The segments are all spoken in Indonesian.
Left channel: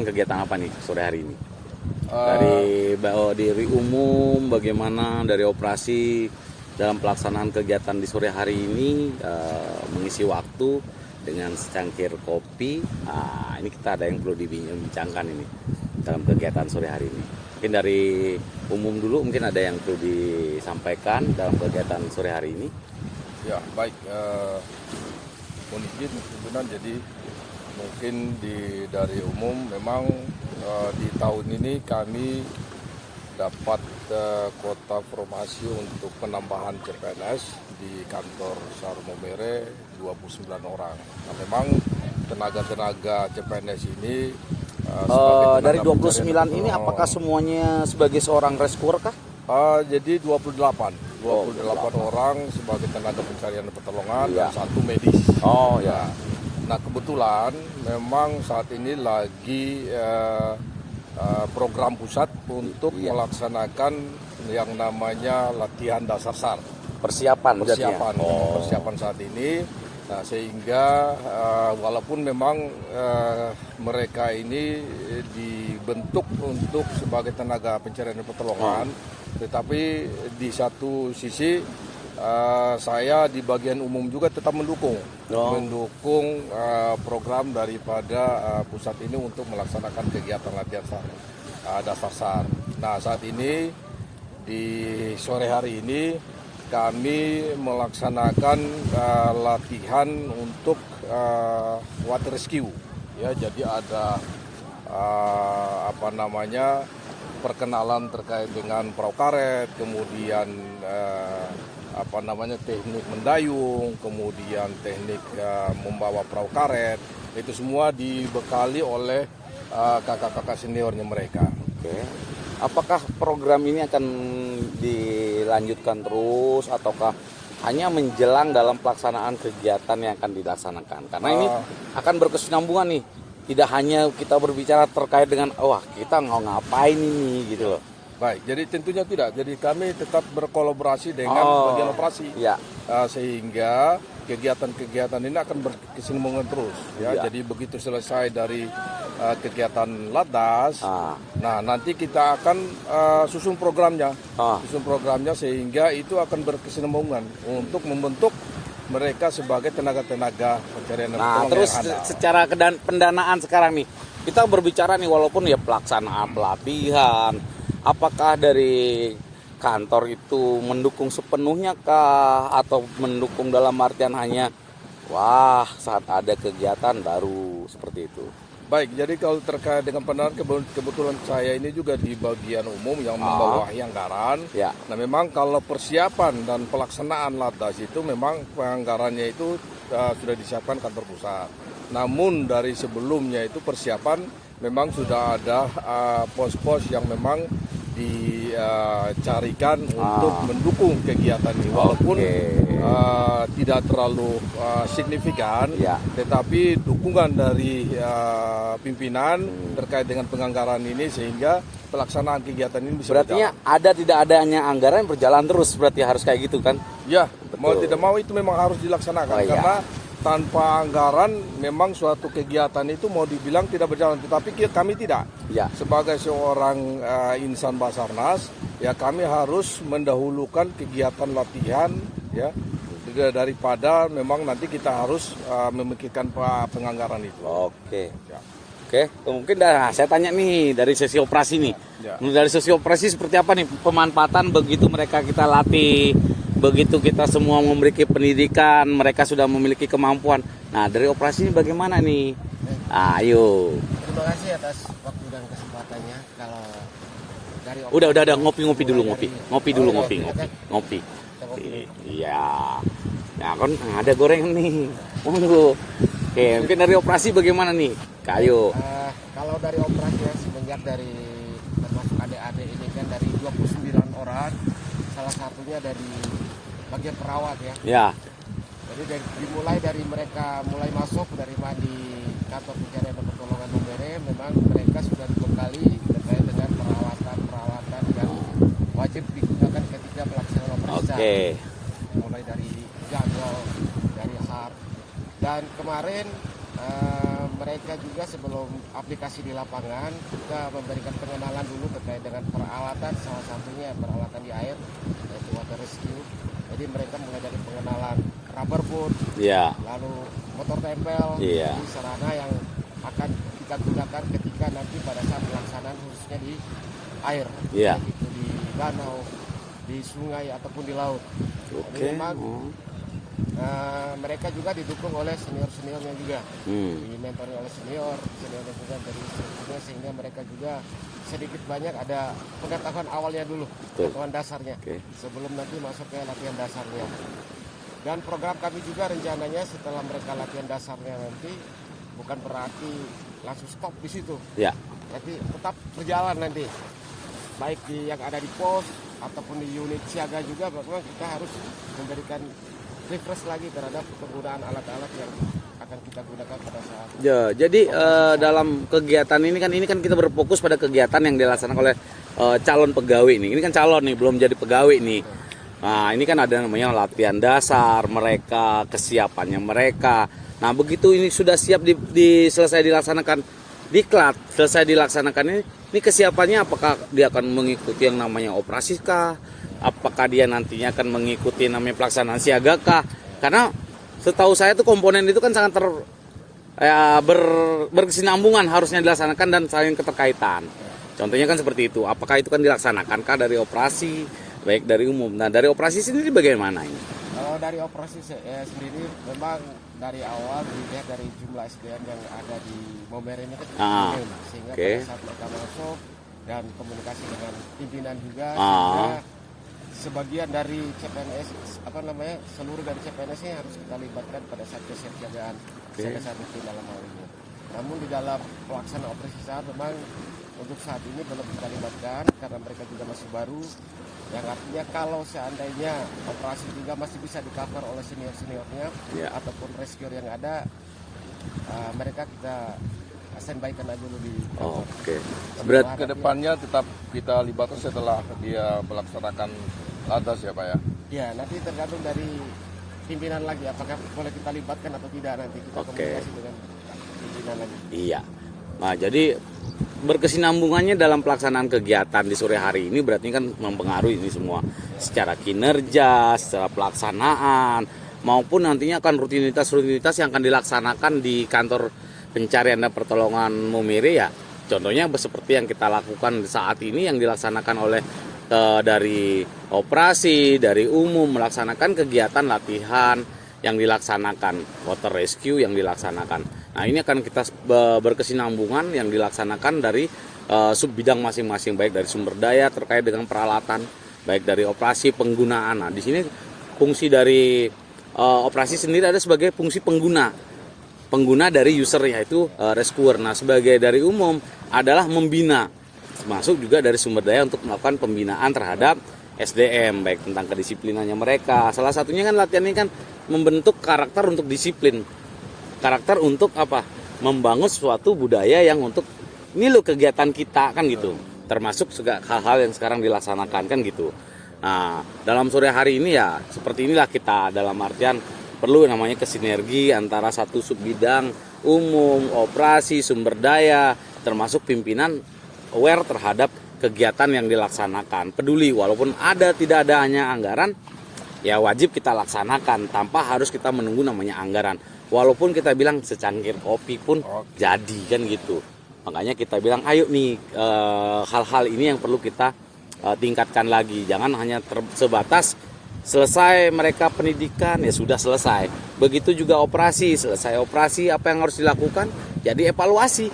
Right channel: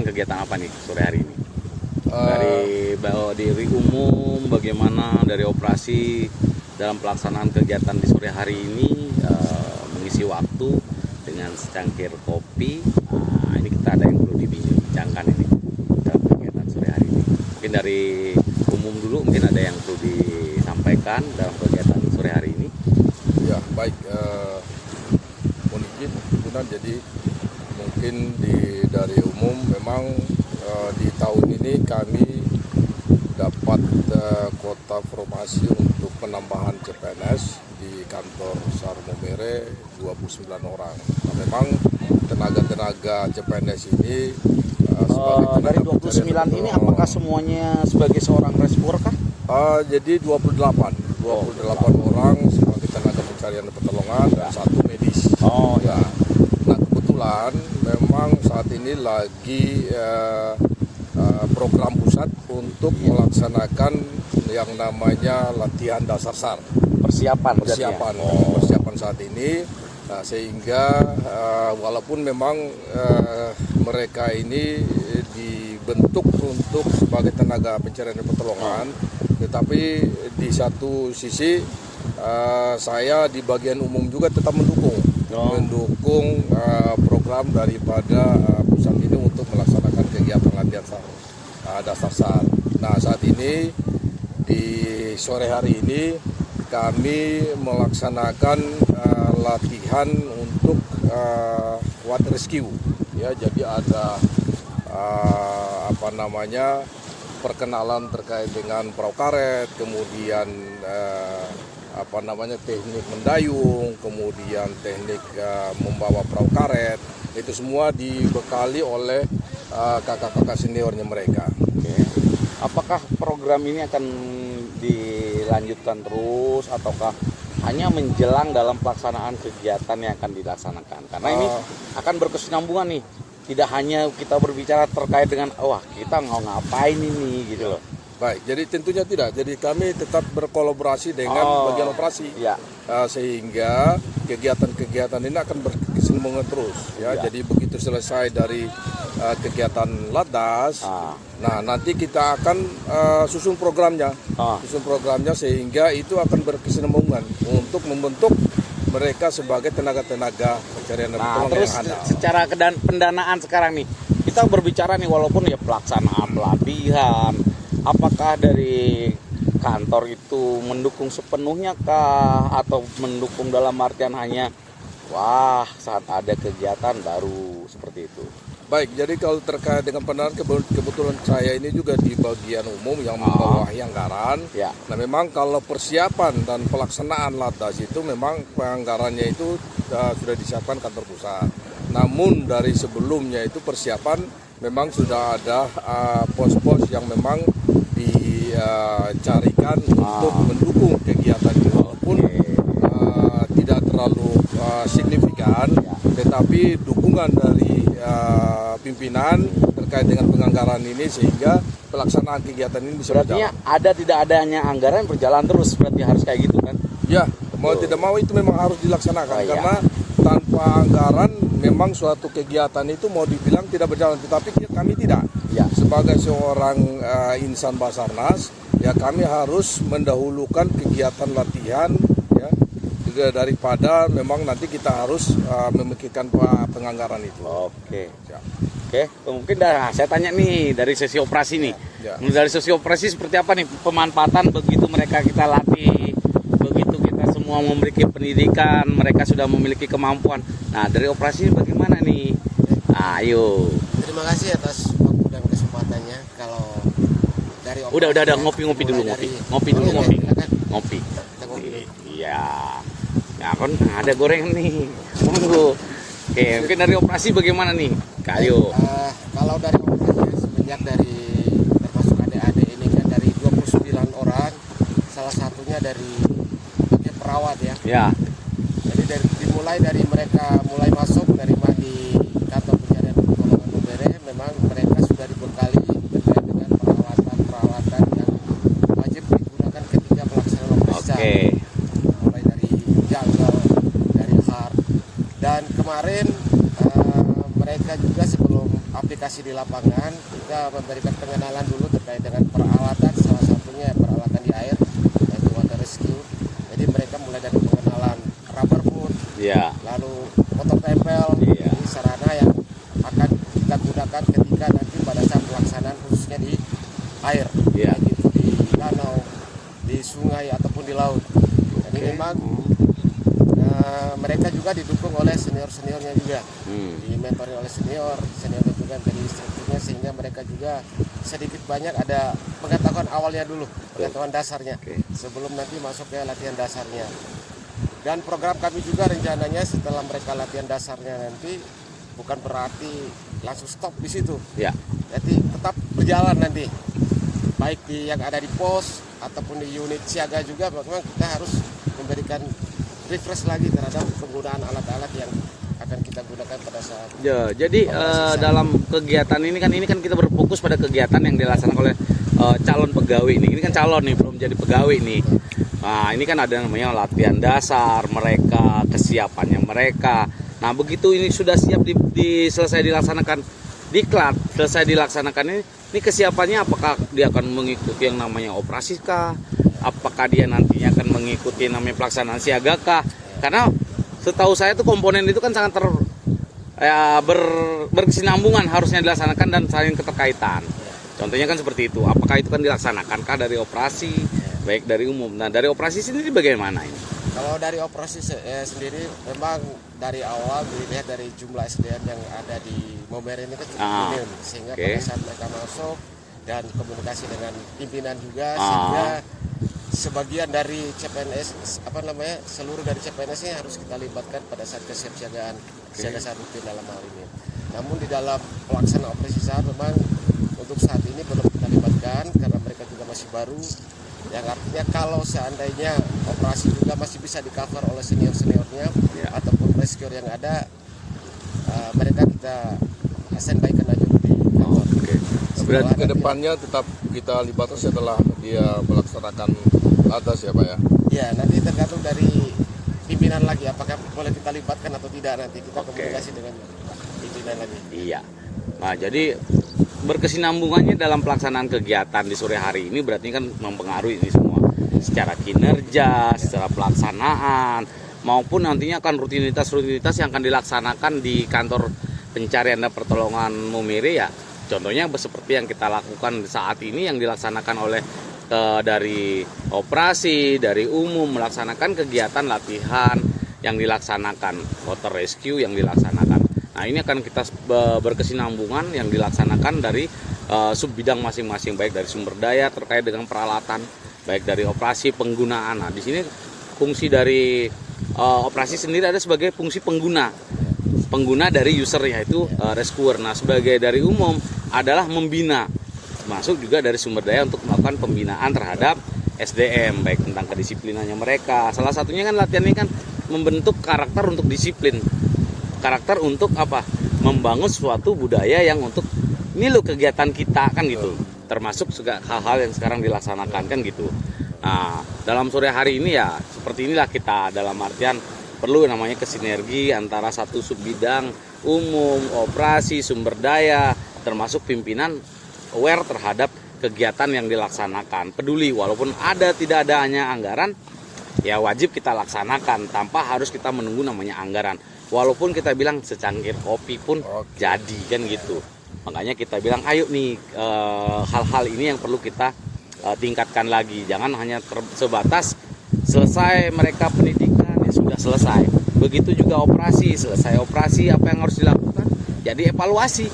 melaksanakan kegiatan apa nih sore hari ini? Dari umum bagaimana, dari operasi dalam pelaksanaan kegiatan di sore hari ini, mengisi waktu dengan secangkir kopi. Ini kita ada yang perlu dibincangkan ini dalam kegiatan sore hari ini. Mungkin dari umum dulu, mungkin ada yang perlu disampaikan dalam kegiatan sore hari ini. Ya baik, mohon izin Tunan, jadi mungkin dari umum memang di tahun ini kami dapat kuota formasi untuk penambahan CPNS di kantor SAR Maumere 29 orang. Nah, memang tenaga-tenaga CPNS ini dari 29 ini apakah semuanya sebagai seorang rescuer kah? Jadi 28 orang sebagai tenaga pencarian dan pertolongan dan satu medis. Nah kebetulan memang saat ini lagi program pusat untuk melaksanakan yang namanya latihan dasar SAR. Persiapan saat ini. Nah, sehingga walaupun memang mereka ini dibentuk untuk sebagai tenaga pencarian dan pertolongan, tetapi di satu sisi saya di bagian umum juga tetap mendukung program daripada pusat ini untuk melaksanakan kegiatan latihan SAR, dasar SAR. Nah saat ini di sore hari ini kami melaksanakan latihan untuk water rescue. Ya, jadi ada perkenalan terkait dengan perahu karet, kemudian teknik mendayung, kemudian teknik membawa perahu karet. Itu semua dibekali oleh kakak-kakak seniornya mereka. Apakah program ini akan dilanjutkan terus ataukah hanya menjelang dalam pelaksanaan kegiatan yang akan dilaksanakan? Karena ini akan berkesinambungan nih. Tidak hanya kita berbicara terkait dengan kita mau ngapain ini gitu loh. Baik, jadi tentunya tidak. Jadi kami tetap berkolaborasi dengan bagian operasi, sehingga kegiatan-kegiatan ini akan berkesinambungan terus. Jadi begitu selesai dari kegiatan Latdas, nah nanti kita akan susun programnya, sehingga itu akan berkesinambungan untuk membentuk mereka sebagai tenaga-tenaga pencarian dan pertolongan yang handal. Secara pendanaan sekarang nih, kita berbicara nih walaupun ya pelaksanaan pelatihan. Apakah dari kantor itu mendukung sepenuhnya kah atau mendukung dalam artian hanya saat ada kegiatan baru seperti itu? Baik, jadi kalau terkait dengan pendanaan, kebetulan saya ini juga di bagian umum yang membawahi anggaran. Nah memang kalau persiapan dan pelaksanaan Latdas itu memang anggarannya itu sudah disiapkan kantor pusat. Namun dari sebelumnya itu persiapan memang sudah ada pos-pos yang memang dicarikan untuk mendukung kegiatan ini, walaupun tidak terlalu signifikan, tetapi dukungan dari pimpinan terkait dengan penganggaran ini sehingga pelaksanaan kegiatan ini bisa berjalan. Ada tidak adanya anggaran berjalan terus, berarti harus kayak gitu kan? Ya, mau tidak mau itu memang harus dilaksanakan karena tanpa anggaran memang suatu kegiatan itu mau dibilang tidak berjalan, tetapi kami tidak. Sebagai seorang insan Basarnas, kami harus mendahulukan kegiatan latihan daripada memang nanti kita harus memikirkan penganggaran itu. Oke, mungkin saya tanya nih dari sesi operasi nih. Dari sesi operasi seperti apa nih pemanfaatan begitu mereka kita latih, begitu kita semua memiliki pendidikan, mereka sudah memiliki kemampuan. Nah dari operasi ini bagaimana nih? Ayo. Terima kasih atas waktu dan kesempatannya. Kalau dari operasi, udah ngopi dulu, ngopi. Iya. Ya kan ada goreng nih. Monggo. Oke, mungkin dari operasi bagaimana nih? Kayo. Kalau dari operasinya semenjak dari termasuk adik-adik ini kan dari 29 orang, salah satunya dari bagian perawat ya. Jadi dimulai dari mereka mulai masuk dari di kantor pencarian dan pertolongan Maumere, memang mereka sudah dibekali terkait dengan perawatan yang wajib digunakan ketika pelaksanaan operasi. Mulai dari jungle, dari hard, dan kemarin mereka juga sebelum aplikasi di lapangan kita memberikan pengenalan dulu terkait dengan peralatan, salah satunya peralatan di air yaitu water rescue. Jadi mereka mulai dari pengenalan rubber boot, lalu motor tempel, ini sarana yang akan kita gunakan ketika nanti pada saat pelaksanaan khususnya di air, yaitu di danau, di sungai ataupun di laut. Jadi memang mereka juga didukung oleh senior-seniornya juga, dimentori oleh seniornya juga dari instrukturnya, sehingga mereka juga sedikit banyak ada pengetahuan awalnya dulu, pengetahuan dasarnya, sebelum nanti masuk ke latihan dasarnya. Dan program kami juga rencananya setelah mereka latihan dasarnya nanti bukan berarti langsung stop di situ, jadi tetap berjalan nanti, baik di yang ada di pos ataupun di unit siaga juga, memang kita harus memberikan refresh lagi terhadap penggunaan alat-alat yang akan kita gunakan pada saat. Jadi dalam kegiatan ini kan kita berfokus pada kegiatan yang dilaksanakan oleh calon pegawai nih. Ini kan calon nih, belum jadi pegawai nih. Nah, ini kan ada namanya latihan dasar mereka, kesiapannya mereka. Nah, begitu ini sudah siap selesai dilaksanakan diklat, selesai dilaksanakan ini kesiapannya apakah dia akan mengikuti yang namanya operasi kah? Apakah dia nantinya akan mengikuti namanya pelaksanaan siaga kah? Karena setahu saya tuh komponen itu kan sangat berkesinambungan harusnya dilaksanakan dan saling keterkaitan. Contohnya kan seperti itu. Apakah itu kan dilaksanakan dari operasi, baik dari umum. Nah, dari operasi sendiri bagaimana ini? Kalau dari operasi sendiri memang dari awal dilihat dari jumlah SDM yang ada di Momere ini kan minim, sehingga pada saat mereka masuk dan komunikasi dengan pimpinan juga, sehingga sebagian dari CPNS seluruh dari CPNS ini harus kita libatkan pada saat kesiapsiagaan siaga satu dalam hal ini. Namun di dalam pelaksanaan operasi SAR memang untuk saat ini belum kita libatkan karena mereka juga masih baru, yang artinya kalau seandainya operasi juga masih bisa di cover oleh seniornya ataupun rescuer yang ada, mereka kita standby-kan aja di bawah. Berarti kedepannya tetap kita libatkan setelah dia melaksanakan atas ya Pak ya? Ya, nanti tergantung dari pimpinan lagi apakah boleh kita libatkan atau tidak, nanti kita komunikasi dengan pimpinan lagi. Iya. Nah, jadi berkesinambungannya dalam pelaksanaan kegiatan di sore hari ini berarti kan mempengaruhi ini semua secara kinerja, secara pelaksanaan, maupun nantinya akan rutinitas yang akan dilaksanakan di kantor pencarian dan pertolongan Momere ya. Contohnya seperti yang kita lakukan saat ini yang dilaksanakan oleh dari operasi, dari umum melaksanakan kegiatan latihan yang dilaksanakan, water rescue yang dilaksanakan. Nah, ini akan kita berkesinambungan yang dilaksanakan dari sub bidang masing-masing, baik dari sumber daya terkait dengan peralatan, baik dari operasi penggunaan. Nah, di sini fungsi dari operasi sendiri ada sebagai fungsi pengguna dari user yaitu rescuer. Nah, sebagai dari umum adalah membina, termasuk juga dari sumber daya untuk melakukan pembinaan terhadap SDM, baik tentang kedisiplinannya mereka. Salah satunya kan latihan ini kan membentuk karakter untuk disiplin. Karakter untuk apa? Membangun suatu budaya yang untuk ini loh kegiatan kita kan gitu. Termasuk juga hal-hal yang sekarang dilaksanakan kan gitu. Nah, dalam sore hari ini ya seperti inilah kita, dalam artian perlu namanya kesinergi antara satu sub bidang umum, operasi, sumber daya, termasuk pimpinan aware terhadap kegiatan yang dilaksanakan. Peduli walaupun tidak adanya anggaran, ya wajib kita laksanakan tanpa harus kita menunggu namanya anggaran. Walaupun kita bilang secangkir kopi pun jadi kan gitu. Makanya kita bilang ayo nih hal-hal ini yang perlu kita tingkatkan lagi. Jangan hanya sebatas selesai mereka pendidikan ya sudah selesai. Begitu juga operasi, selesai operasi apa yang harus dilakukan? Jadi evaluasi.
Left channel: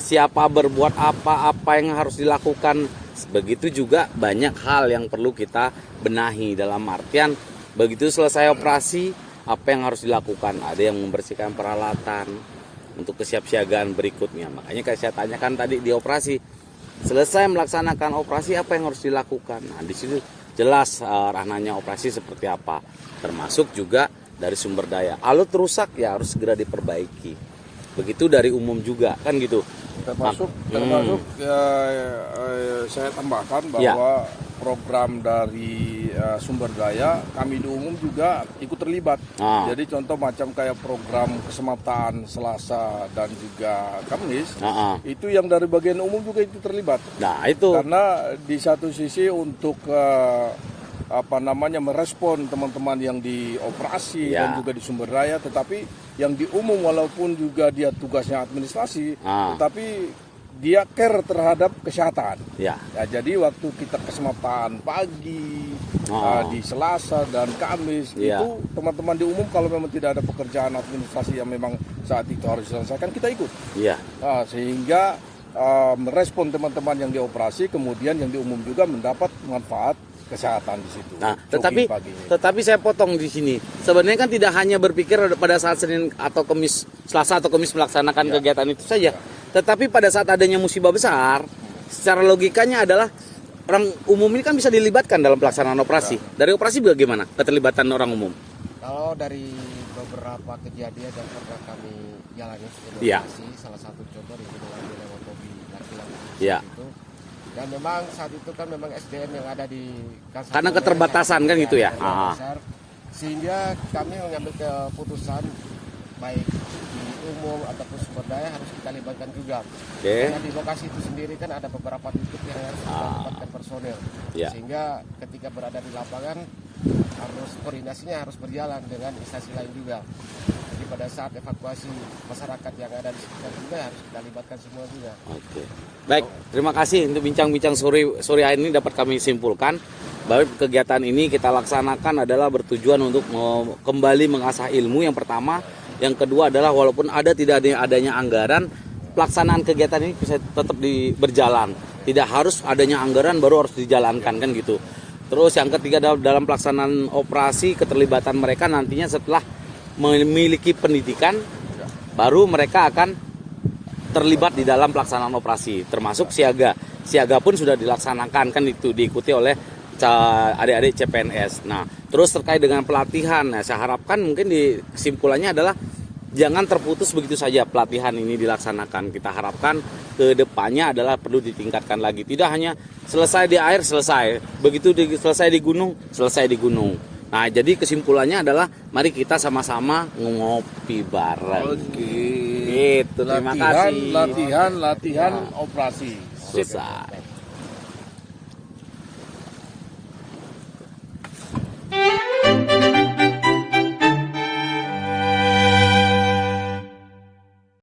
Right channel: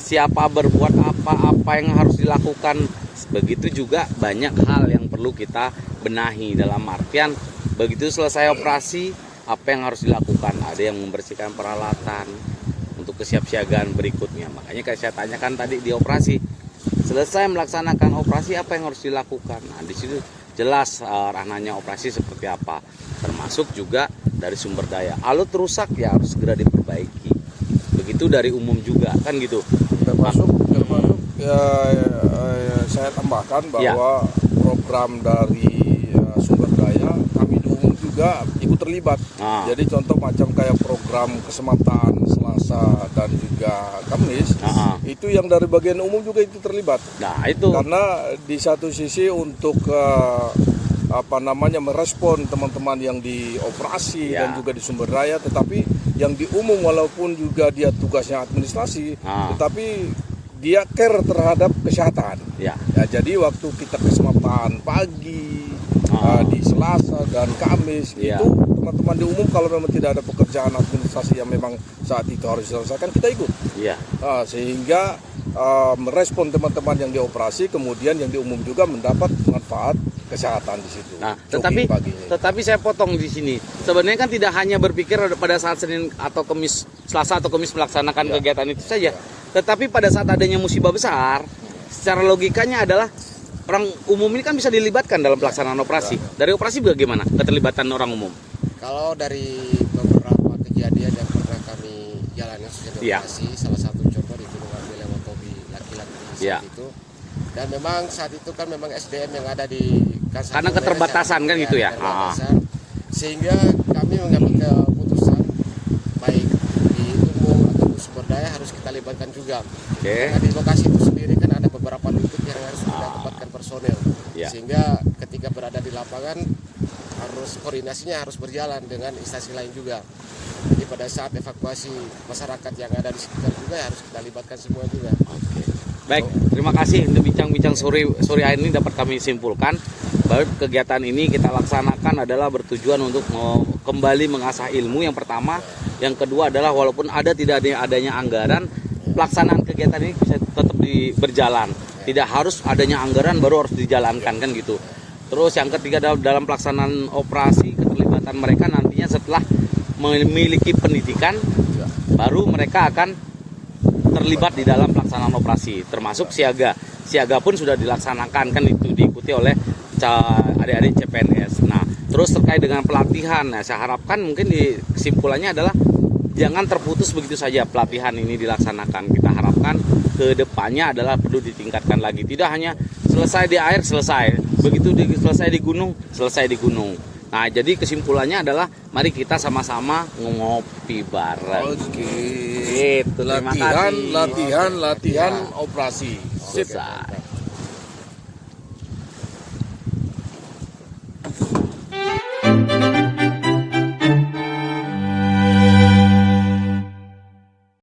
Siapa berbuat apa yang harus dilakukan. Begitu juga banyak hal yang perlu kita benahi, dalam artian begitu selesai operasi apa yang harus dilakukan. Ada yang membersihkan peralatan untuk kesiapsiagaan berikutnya. Makanya kayak saya tanyakan tadi di operasi, selesai melaksanakan operasi apa yang harus dilakukan. Nah, di situ jelas ranahnya operasi seperti apa, termasuk juga dari sumber daya. Alat rusak ya harus segera diperbaiki. Begitu dari umum juga kan gitu. Termasuk saya tambahkan bahwa program dari sumber daya, kami di umum juga ikut terlibat. Jadi contoh macam kayak program keselamatan Selasa dan juga Kamis, itu yang dari bagian umum juga itu terlibat. Nah itu karena di satu sisi untuk merespon teman-teman yang di operasi dan juga di sumber daya, tetapi yang di umum walaupun juga dia tugasnya administrasi, tetapi dia care terhadap kesehatan. Jadi waktu kita keselamatan pagi di Selasa dan Kamis itu teman-teman di umum kalau memang tidak ada pekerjaan administrasi yang memang saat itu harus diselesaikan, kita ikut. Sehingga merespon teman-teman yang dioperasi, kemudian yang di umum juga mendapat manfaat kesehatan di situ. Nah, tetapi saya potong di sini. Sebenarnya kan tidak hanya berpikir pada saat Senin atau Kamis, Selasa atau Kamis melaksanakan kegiatan itu saja. Tetapi pada saat adanya musibah besar, secara logikanya adalah orang umum ini kan bisa dilibatkan dalam pelaksanaan operasi. Dari operasi bagaimana keterlibatan orang umum? Kalau dari beberapa kejadian yang pernah kami jalani sejak operasi, salah satu contoh di Gunung Ambil lewat Tobi laki-laki itu. Dan memang saat itu kan memang SDM yang ada di karena keterbatasan kan gitu ya. Sehingga kami mengambil keputusan baik di umum ataupun sumber daya harus kita libatkan juga. Karena di lokasi itu sendiri kan ada beberapa titik yang harus kita tempatkan personel. Sehingga ketika berada di lapangan harus koordinasinya harus berjalan dengan instansi lain juga. Jadi pada saat evakuasi masyarakat yang ada di sekitar juga harus kita libatkan semua juga. Baik, terima kasih untuk bincang-bincang sore hari ini dapat kami simpulkan bahwa kegiatan ini kita laksanakan adalah bertujuan untuk kembali mengasah ilmu yang pertama, yang kedua adalah walaupun tidak adanya anggaran, pelaksanaan kegiatan ini bisa tetap berjalan. Tidak harus adanya anggaran baru harus dijalankan kan gitu. Terus yang ketiga dalam pelaksanaan operasi, keterlibatan mereka nantinya setelah memiliki pendidikan baru mereka akan terlibat di dalam pelaksanaan operasi, termasuk siaga. Siaga pun sudah dilaksanakan kan itu diikuti oleh adik-adik CPNS. Nah, terus terkait dengan pelatihan, saya harapkan mungkin kesimpulannya adalah jangan terputus begitu saja pelatihan ini dilaksanakan. Kita harapkan ke depannya adalah perlu ditingkatkan lagi. Tidak hanya selesai di air selesai, begitu selesai di gunung selesai di gunung. Nah, jadi kesimpulannya adalah mari kita sama-sama ngopi bareng. Latihan operasi. Sip.